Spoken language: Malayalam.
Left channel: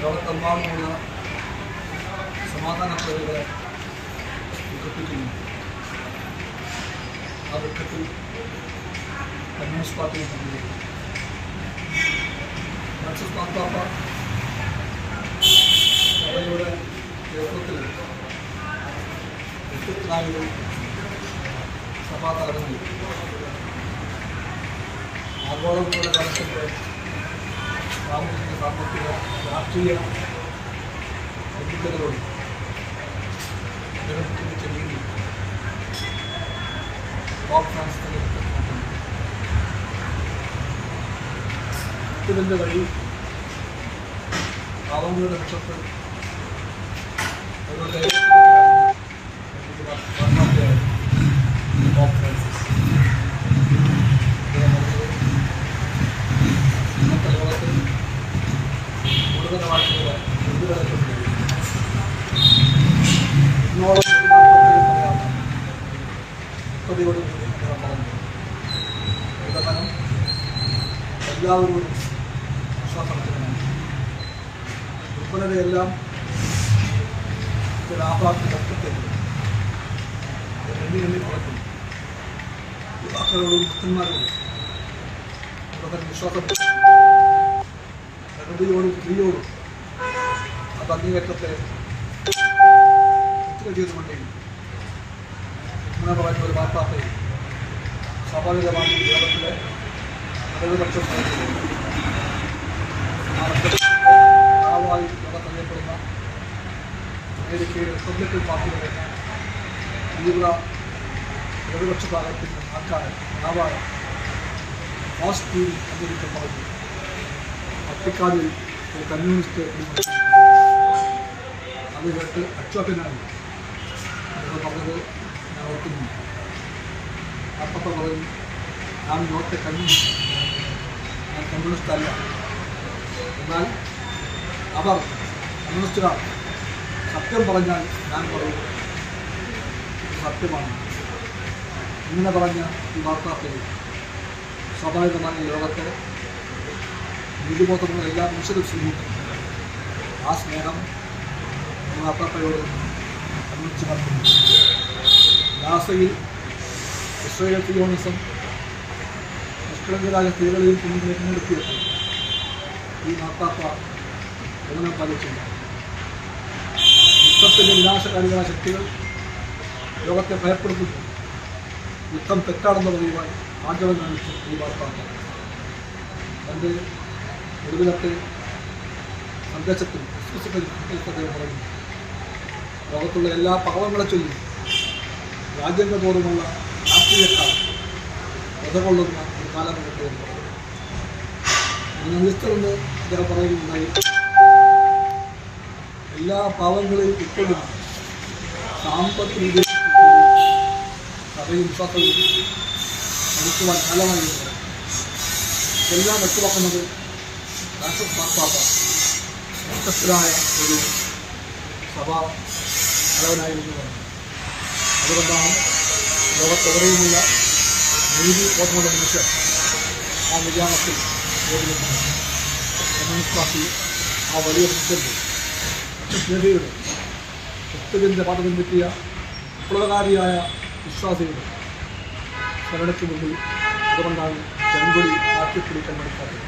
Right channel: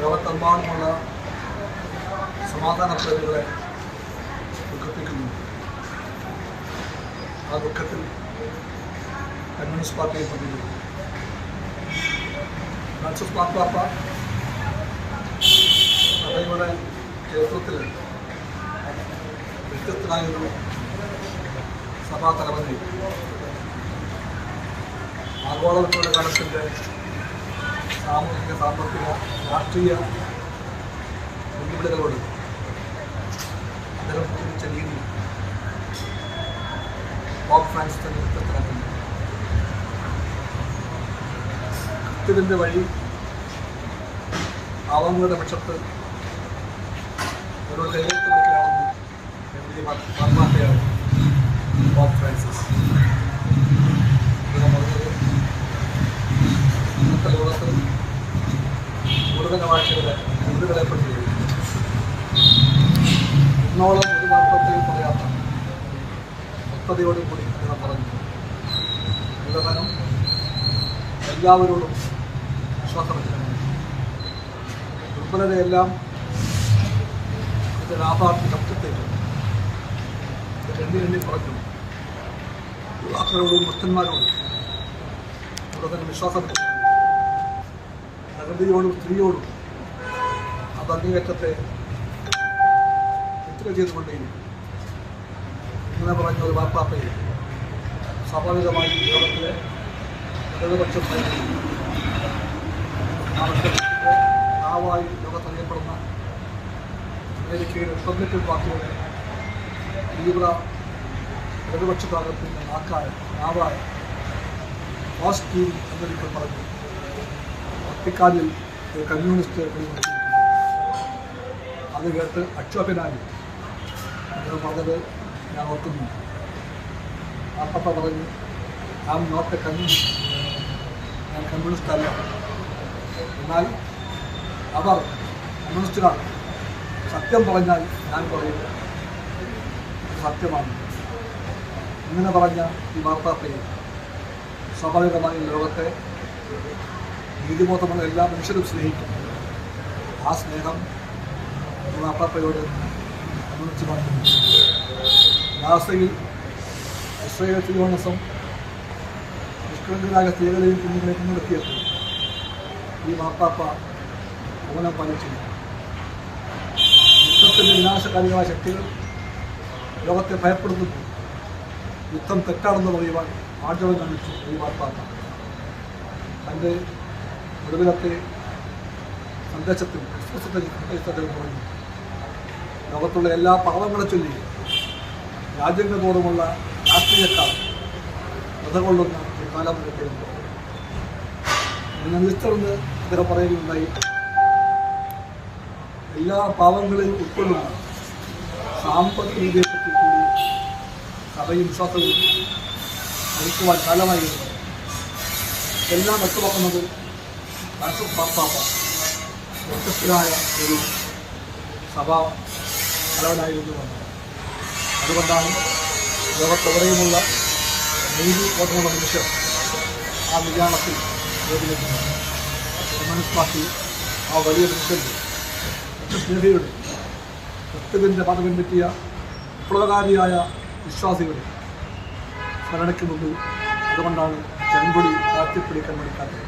ലോകത്തെമ്പാടുമുള്ള സമാധാന പ്രേമികളെ ദുഃഖിപ്പിക്കുന്നു ആ ദുഃഖത്തിൽ കമ്മ്യൂണിസ്റ്റ് പാർട്ടിയും പങ്കുചേരും ഫ്രാൻസിസ് മാർപ്പാപ്പ സഭയുടെ നേതൃത്വത്തിൽ വ്യത്യസ്തനായൊരു സഭാ തലവനെ ആഗോളവൽക്കരണ കാലത്തിന്റെ സാമൂഹിക സാമ്പത്തിക രാഷ്ട്രീയ വെല്ലുവിളികളോട് അദ്ദേഹം ചിന്തിച്ച രീതി പോപ്പ് ഫ്രാൻസിന്റെ നേതൃത്വത്തിലാക്കുന്നു ഇതിന്റെ വഴി പാവങ്ങളുടെ പക്ഷത്ത് അവരുടെ ഡയറക്ടറാണെന്ന് എഴുതി മാർപ്പാപ്പയാണ് പോപ്പ് ഫ്രാൻസിസ് അദ്ദേഹം പറഞ്ഞത് ഇന്നത്തെ ലോകത്ത് വ്യക്തതയോടുകൂടി അദ്ദേഹം പറഞ്ഞു. വിതമനം എല്ലാവരോടും വിശ്വാസവചനമാണ്. ദുർബലതയെല്ലാം ലാഭാർത്ഥി എണ്ണി എണ്ണി കുറയ്ക്കും യുവാക്കളോടും ഭക്തന്മാരോടും ഇവിടെ തന്നെ വിശ്വാസം വെച്ചു. പ്രകൃതിയോടും സ്ത്രീയോടും ആ ബന്ധികേറ്റത്തെ എത്ര ചെയ്തുകൊണ്ടേയും ഇങ്ങനെ പറഞ്ഞ ഒരു വാർത്താപ്പയെ സ്വാഭാവികമായി ലോകത്തിലെ ഇടതുപക്ഷം ആ ലോകത്തറിയപ്പെടുന്ന അമേരിക്കയിലെ റിപ്പബ്ലിക്കൻ പാർട്ടിയുടെ തീവ്ര ഇടതുപക്ഷ ഭാഗത്തിന്റെ നാക്കായ നാവായ ടീം എന്നൊരിക്കൽ പറഞ്ഞു. വത്തിക്കാനിൽ ഒരു കമ്മ്യൂണിസ്റ്റ്. അത് കേട്ട് അക്ഷോഭനായി അദ്ദേഹം പറഞ്ഞത് ഞാൻ ഓർക്കുന്നു. അപ്പപ്പ പറഞ്ഞു ഞാൻ നോട്ട് എ കമ്മ്യൂണിസ്റ്റ് ഞാൻ കമ്മ്യൂണിസ്റ്റ് അല്ല. എന്നാൽ അവർ കമ്മ്യൂണിസ്റ്റുകാർ സത്യം പറഞ്ഞാൽ ഞാൻ പറയും സത്യമാണ്. ഇങ്ങനെ പറഞ്ഞ ഈ വാർത്താപ്പയിൽ സ്വാഭാവികമായി ലോകത്തെ നീതിബോധമുള്ള എല്ലാ മനുഷ്യരും സ്നേഹിക്കും. ആ സ്നേഹം നമ്മൾ അപ്പാപ്പയോട് കമ്മ്യൂണിസ്റ്റ് നടത്തുന്നു ഗാസയിൽ ഇസ്രയേൽ സിയോണിസം നിഷ്കളങ്കരായ സ്ത്രീകളെയും കുഞ്ഞുങ്ങളെ മുൻനിർത്തിയപ്പോൾ ഈ മാപ്പാപ്പ മൗനം പാലിച്ചില്ല യുദ്ധത്തിന്റെ വിനാശകാരികളായ ശക്തികൾ ലോകത്തെ ഭയപ്പെടുത്തുന്നു. യുദ്ധം തെറ്റാണെന്ന് പറയുവാൻ ആർജവം കാണിച്ചു ഈ മാർപ്പാപ്പ. തന്റെ ഒടുവിലത്തെ സന്ദേശത്തിൽ ക്രിസ്മസിന്റെ അദ്ദേഹം പറഞ്ഞു ലോകത്തുള്ള എല്ലാ പാവങ്ങളെ ചൊല്ലി രാജ്യങ്ങൾ തോറുമുള്ള രാഷ്ട്രീയക്കാർ നിലകൊള്ളുന്ന ഒരു കാലം മുഖത്തെ എന്ന് പറഞ്ഞു ഈസ്റ്ററിന് അദ്ദേഹം പറയുകയുണ്ടായി എല്ലാ പാവങ്ങളെയും ഉൾക്കൊള്ളുന്ന സാമ്പത്തിക ഉദ്ദേശത്തിൽ കൂടി സഭയും വിശ്വാസവും അടുക്കുവാൻ കാലമായി. എല്ലാം വ്യക്തമാക്കുന്നത് ഫ്രാൻസിസ് പാപ്പാപ്പ പ്രശസ്തരായ ഒരു സഭാ തലവനായിരുന്നു എന്ന് അതുകൊണ്ടാണ് ലോകത്തെവിടെയുമുള്ള നീതി ബോധമുള്ള മനുഷ്യർ ആ നിര്യാണത്തിൽ വേദിക്കുന്നത് കമ്മ്യൂണിസ്റ്റ് പാർട്ടി ആ വലിയ മനുഷ്യന്റെ ലക്ഷസ്നേഹിയുടെ ക്രിസ്തുവിന്റെ പാത പിൻപറ്റിയ വിപ്ലവകാരിയായ വിശ്വാസികളുടെ സ്മരണയ്ക്ക് മുമ്പിൽ അതുകൊണ്ടാണ് ചെങ്കൊടി കാറ്റിപ്പിടിക്കാൻ മടിക്കാത്തത്